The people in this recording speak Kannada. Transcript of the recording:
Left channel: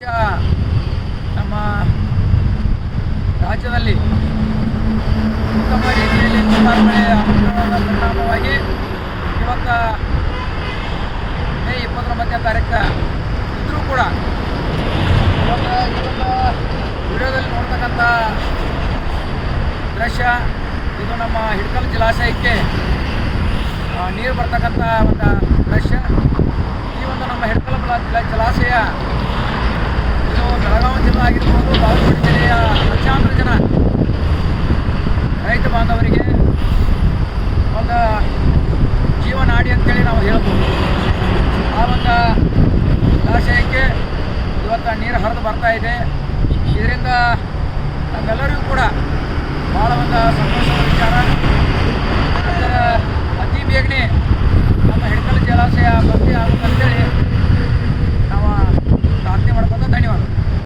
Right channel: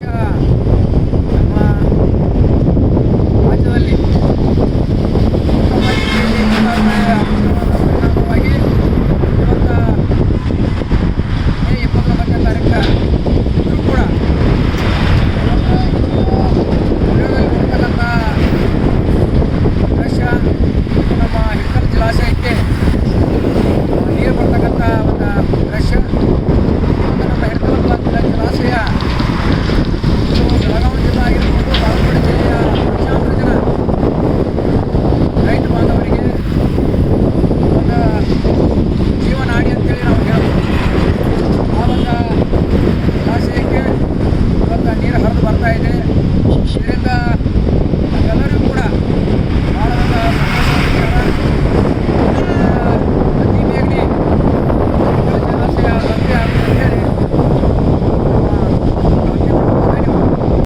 ನಮ್ಮ ರಾಜ್ಯದಲ್ಲಿ ಉತ್ತಮ ರೀತಿಯಲ್ಲಿ ಮಳೆ ಆಗುತ್ತಿರುವುದರ ಪರಿಣಾಮವಾಗಿ ಇವತ್ತು ಮೇ ಇಪ್ಪತ್ತೊಂಬತ್ತನೇ ತಾರೀಕು ಇದ್ದರೂ ಕೂಡ ಇವತ್ತು ವಿಡಿಯೋದಲ್ಲಿ ನೋಡ್ತಕ್ಕಂಥ ದೃಶ್ಯ, ಇದು ನಮ್ಮ ಹಿಡ್ಕಲ್ ಜಲಾಶಯಕ್ಕೆ ನೀರು ಬರ್ತಕ್ಕಂಥ ಒಂದು ದೃಶ್ಯ. ಈ ಒಂದು ನಮ್ಮ ಹಿಡ್ಕಲ್ ಜಲಾಶಯ ಇದು ಬೆಳಗಾವಿ ಜಿಲ್ಲೆ ಆಗಿರ್ಬೋದು, ಬಾಗಲಕೋಟೆ ಜಿಲ್ಲೆಯ ಲಕ್ಷಾಂತರ ಜನ ರೈತ ಬಾಂಧವರಿಗೆ ಒಂದು ಜೀವನಾಡಿ ಅಂತೇಳಿ ನಾವು ಹೇಳ್ಬೋದು. ಆ ಒಂದು ಆಶಯಕ್ಕೆ ಇವತ್ತು ನೀರು ಹರಿದು ಬರ್ತಾ ಇದೆ. ಇದರಿಂದ